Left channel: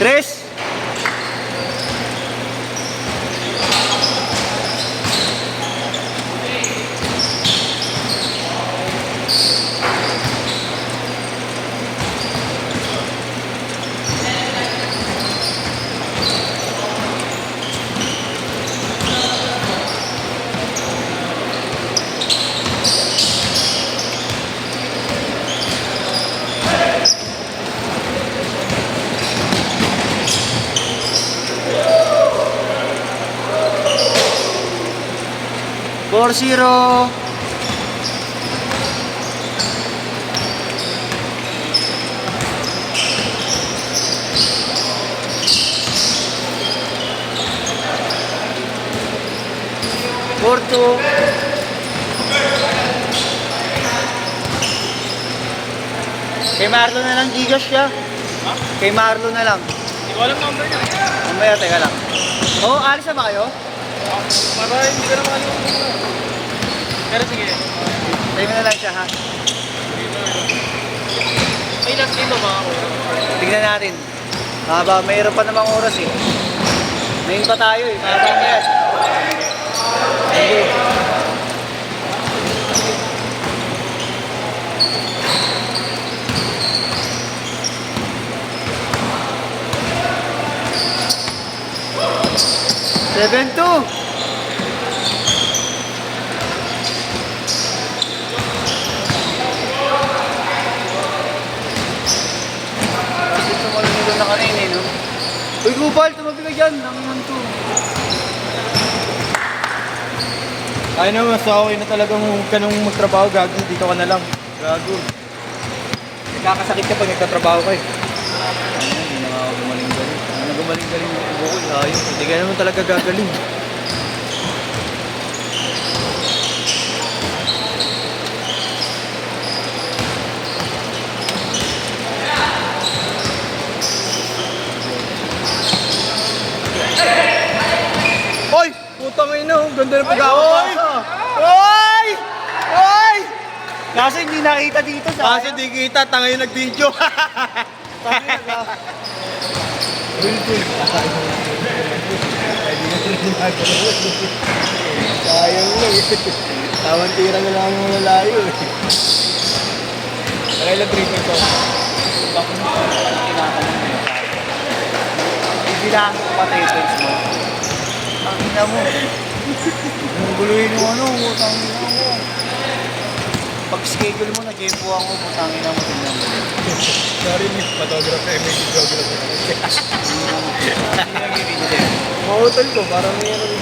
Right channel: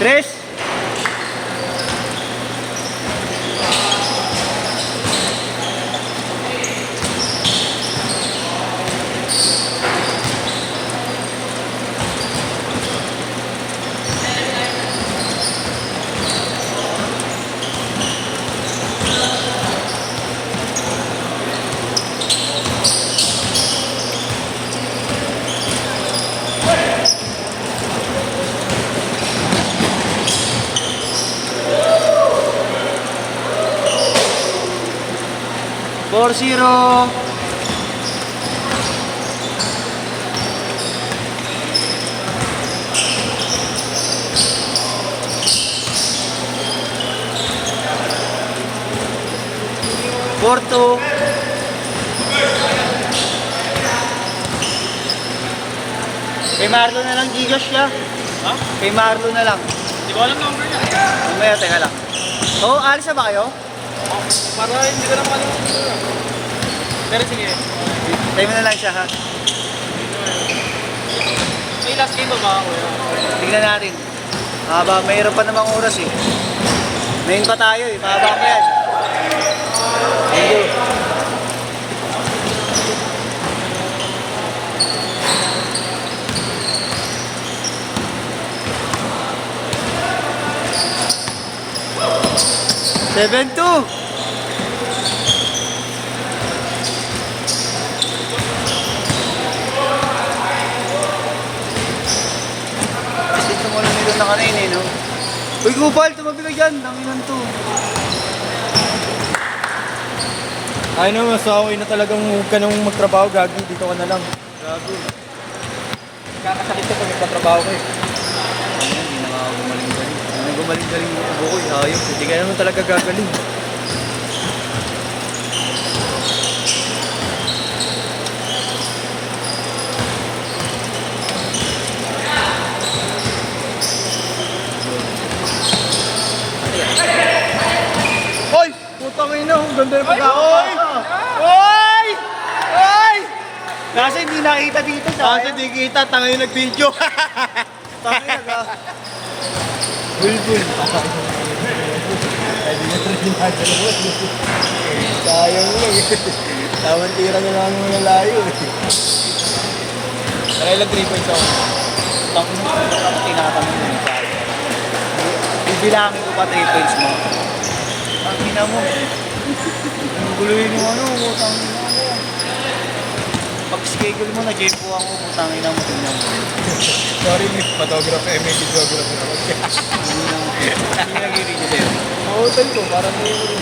Tres. Four zero. Four two. Kay Marlo na lang gigas siya. Ha? Kay Marlo na lang. Hindi ko alam number na. Mamaya, teka lang. Oo, alis na ba kayo? Para hindi ko naman alam. Pero sige. Time na lang siya ha. May last dito ba ako? Tignan natin. Mayroon pa namang oras eh. Ngayon pa tayo eh. Kaya lang yan. Thank you. Seven two. Ito mo nito na kanina eh, no? Uy, Gupal, tumabi ka dyan. Nangiwan to. Ay na, mas okay na talagang huwag ka nang magtrabaho, gago. Dito ka na lang. Gago. Nakakasakit ka pag nagtatrabaho ka eh. Ayun, hindi na nga ako gumaling-galing. Hindi gumaling-galing yung ubo ko. Ayos. Hindi ka naman talaga gagaling. Hoy! Putang ina, ang ganda na Oy! Oy! Oy! Kasi hindi nakita dito sa... Kasi di kita, tangay nag-video. Sayang lang eh. Tawang tira na lang yung malayo eh. Kaya lang 3 points ako. Bibilang ko pa 3 points mo. Pangina mo. Ang guluhin yung ano, tangina mo. Pag-schedule mo na, Jepo ako. Pangina mo. Tingnan mo. Sorry, photographer, may videographer ako. Hindi na bibigil eh. Sa hotel ko, parang may ano.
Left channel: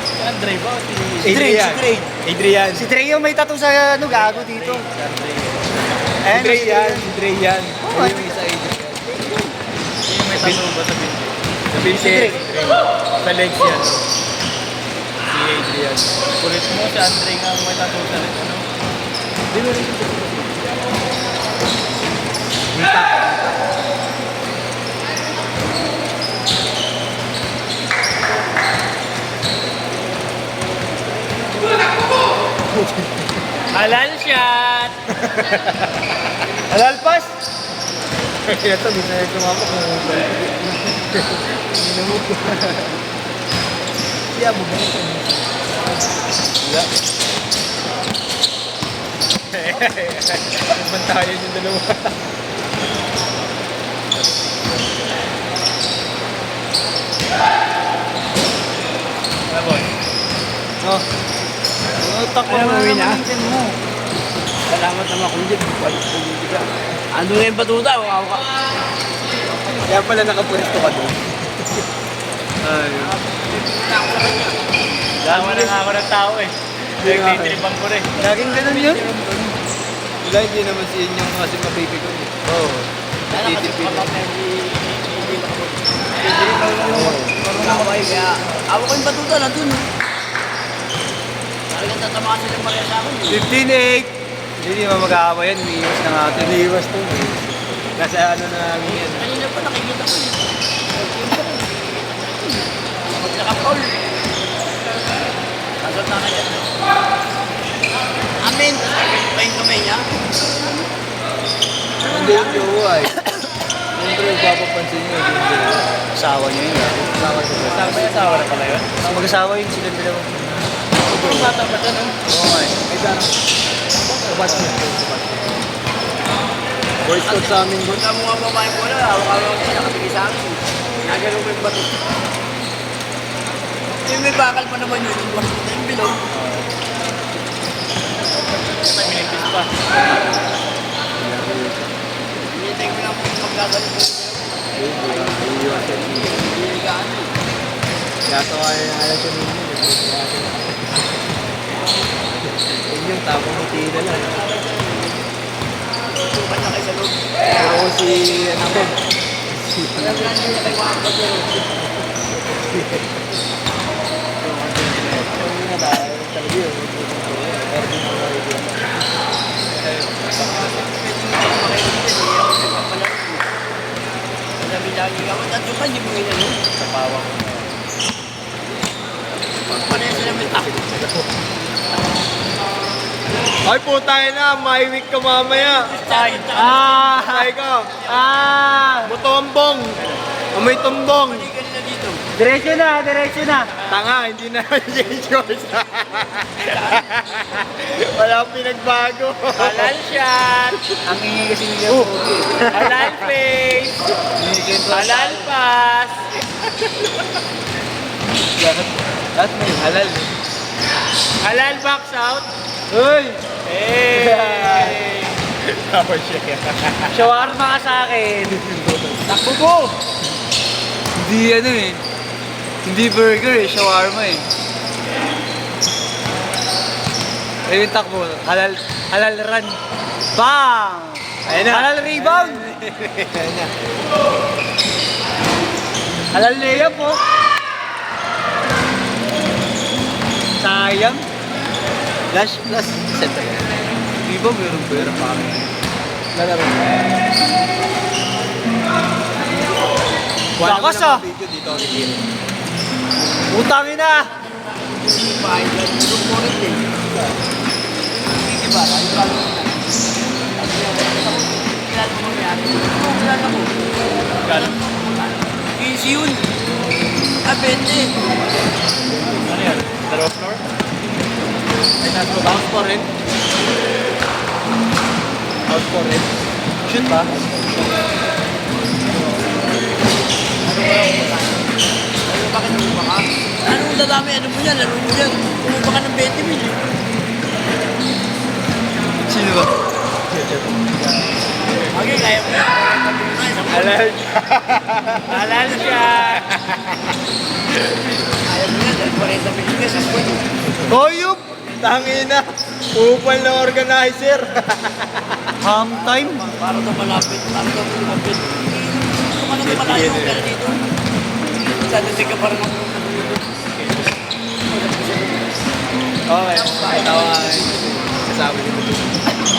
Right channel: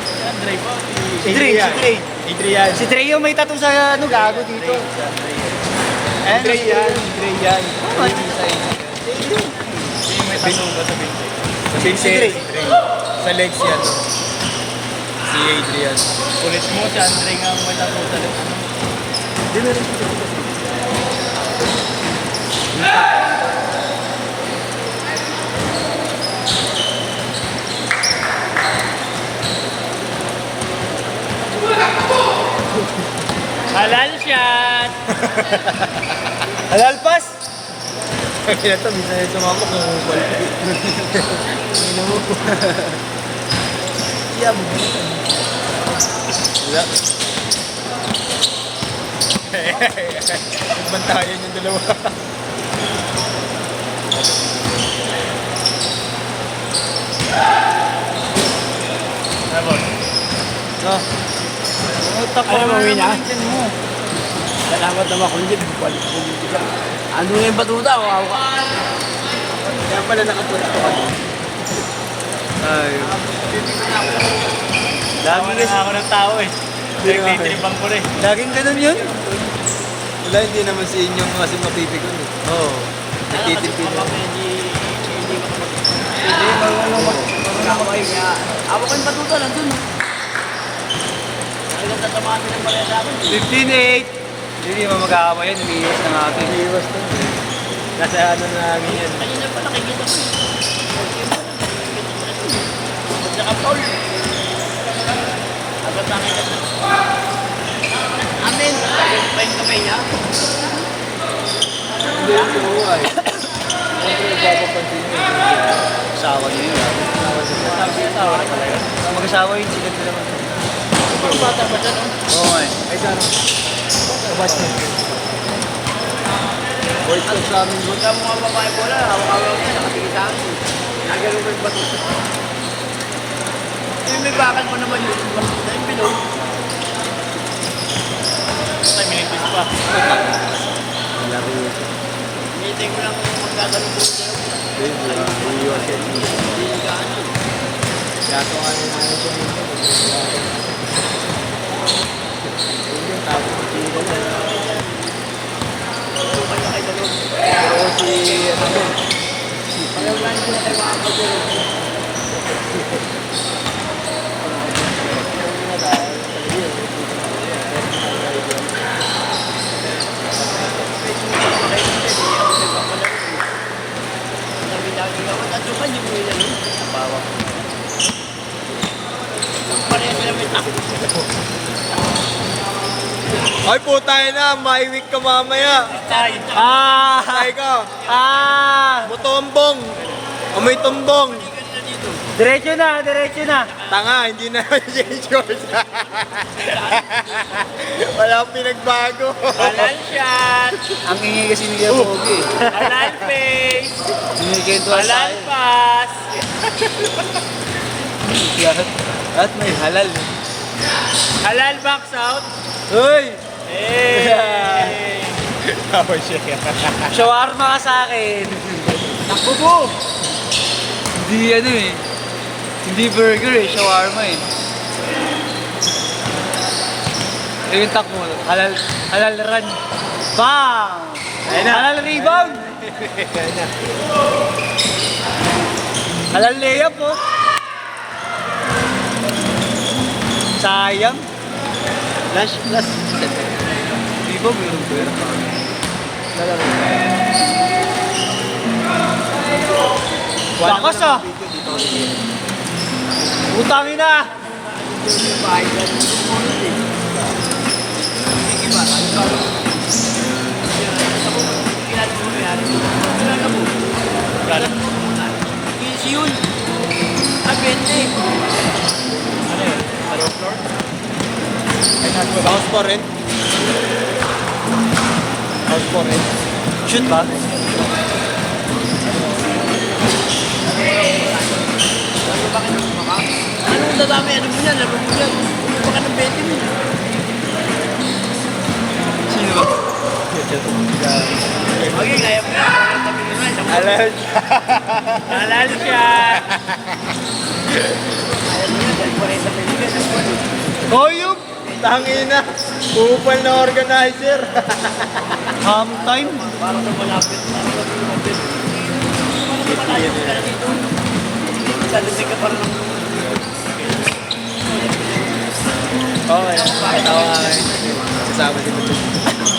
Si Andre ba? Si Dre, si Dre. Adrian. Si Dre yung may tattoo sa ano, gago dito. Adrian. Adrian. Ayun yung isa Hindi may tanong ba sa binti? Sa base, Si sa legs yan. Si Adrian. Kulit mo si Andre nga may tanong sa leg. Ano? Hindi na rin siya. Halal shot! Alalpas! Kaya ito, bisa na sumapok ng ubal. Siya, bumalik ka. Wala. Bantayan yung dalawa. Ano boss? No. Takbo Ano, mo uwi na na? naman mo. Kailangan ito mga kulit. Ando na yung batuta, wow ka. Kaya pala nakatulog ka doon. Ay. Tama na nga ako ng tao eh. Nagtitribang ko rin. Laging ganun yun. Wala, hindi naman si inyong kasi mapipikon eh. Oo. Natitipid na. Hindi, marunong mag-aiga. Ako ko yung batuta, nandun. Talagang tatamaan nilang pareha namin. 15-8. Hindi mo mag-aaway yan. Umiiwas na natin. Umiiwas to. Kasi ano na namin yan. Ayun yung pala, nakikita ko. Pag naka-foul. Agad na agad. Amin. 99 niya. Hindi yung jowa eh. Siyempre, papapansin nyo. Asawa niya yun. Asawa na pala yun. Mag-asawa yun sila dalawa. Bata ba dyan? Oo nga eh. Ay, darang. Kabat mo. Boys ko sa amin yun. Tama mo mga kayo wala. Sige sa akin. Kagano ko yung bato. Eh, may bakal pa naman yun. Yung bilog. May minipis pa. Hinihintay ko lang kung magkagano ko. Iiwan siya. Kaya ito kaya na ito nito. Hindi, tapos matira na. Oo, si ano Ben. Ay po tayo na, may week ka mamaya. Tay. Tayo ka. Motombong. Amoy tumbong. Diretso na, diretso na. Tanga, hindi na yung George. Wala akong pinagbago. Halal shot. Ang hingi kasi ni Kuya Pogi. Halal face. Hingi Halal pass. At may halal. Halal box out. Uy! Hey! Tapos siya. Shawarma ka sa akin. Naku po. Hindi ano eh. Hindi burger eh, shawarma eh. Ayun takbo. Halal run. Bang! Ayun na. Halal rebound. Ayun na. Halal layup po. Sayang. Flash. Di ba meron ko yun? Nalaro. Lakas ah. Dito ako Utangin na. Galang. Easy yun. Abente. Ano yun? Hello, floor? Ay, house for rent. House for rent. Shoot ba? Anong dadami? Ano mo yan? Laro mo yan. Kumuha ka ng 20 mil. Sino ba? Okay, kaya mo yan. Halal. Halal shot. Kaya mo yan. 40 pesos. Toyup! Tangina! Upal na organizer! Half time. Parang kung malapit. Parang kung malapit. Dito. Sabi ka parang Okay, tawa ka ngayon. Kasama dito dito.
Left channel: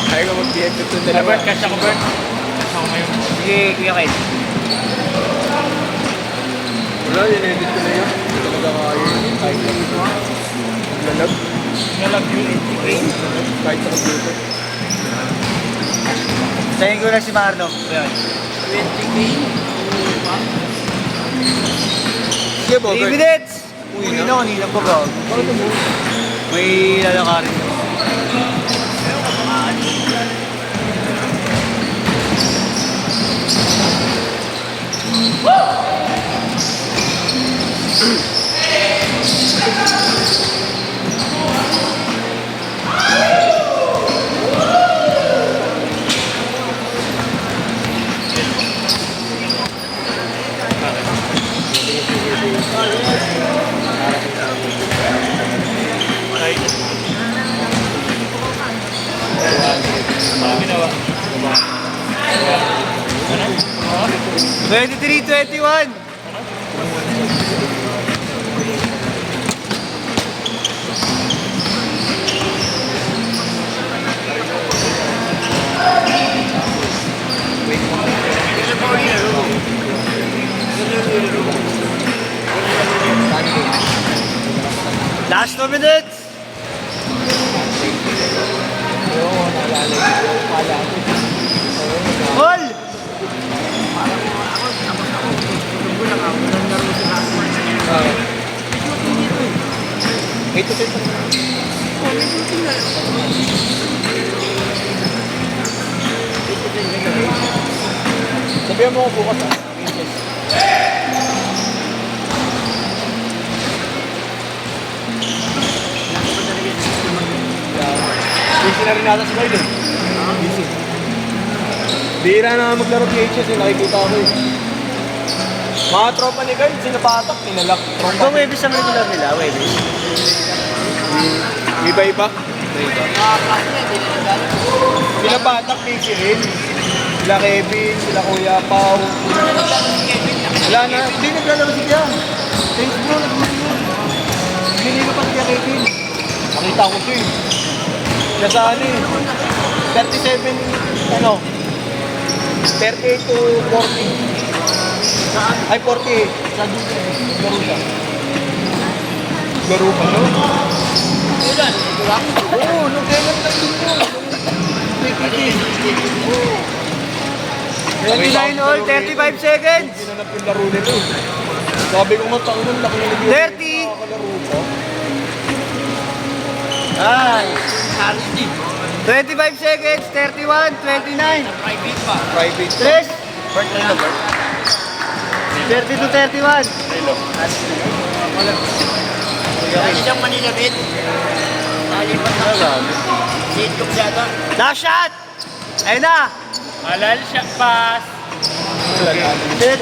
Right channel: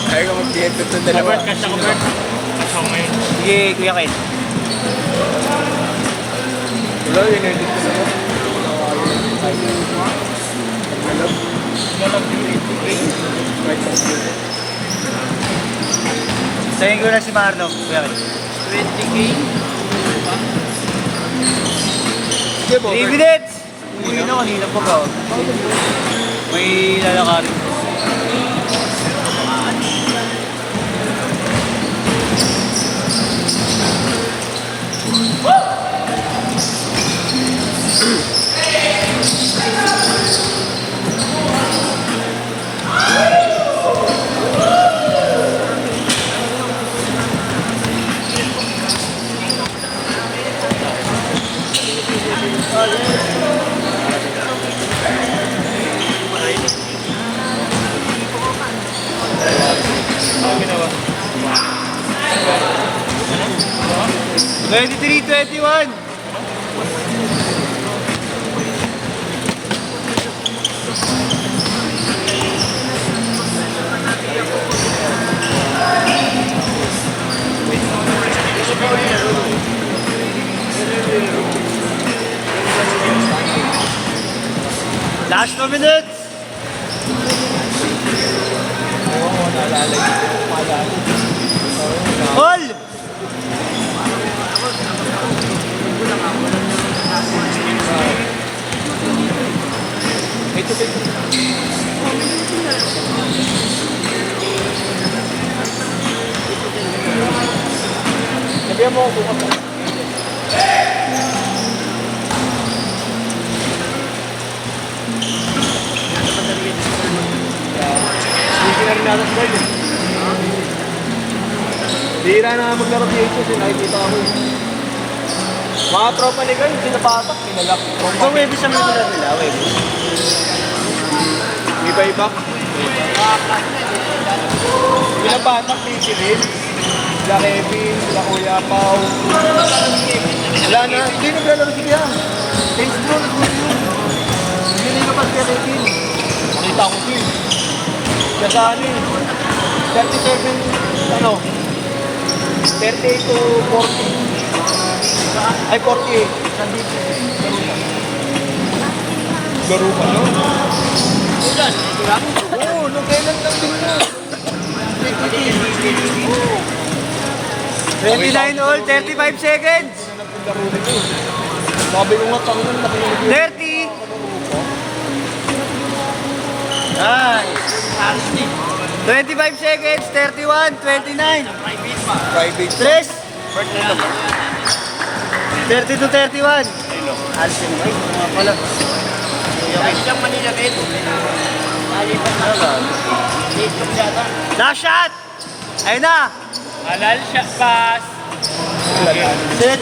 Ayaw ka mag-diet ito dalawa. Bert, cash ako Bert. Cash ako ngayon. Sige, Kuya Kyle. Wala, in-edit ko na yun. Ano? Sayin ko na si Marlon. Kuya Kyle. 20K. Sige, 3 Bobert. minutes! Uy, na, kanina pa ba? May lalakarin. Twenty-three, 21. Last 2 minutes. Oo, naalala ko. Pala ko. Busy na rin nata si Guard eh. Busy. Bira na maglaro PHS eh, nakikita ko eh. Mga tropa ni Guard, sinapatak, nilalak. Kung may bisa may nila nila, pwede. Iba-iba. Pinapatak, PHS rin. Sila Kevin, sila Kuya Pao. Wala na, hindi naglalaro si Kian. Thanks bro, nag-video. Hindi na kapag kaya Kevin. Makita ko siya eh. Siya sa ano eh. 37, ano? 38 to 40. Ay, 48. Sa dito. Laro pa, no? Oo, nung kailan lang din yun. 29 all, 35 seconds. Laro nito. Sabi ko nga, pangunan na pinag 30. Ay. 25 seconds, 31, 29. private. Tres. 30 to 31. Last shot. Ayun na. Halal siya, pass. Sit.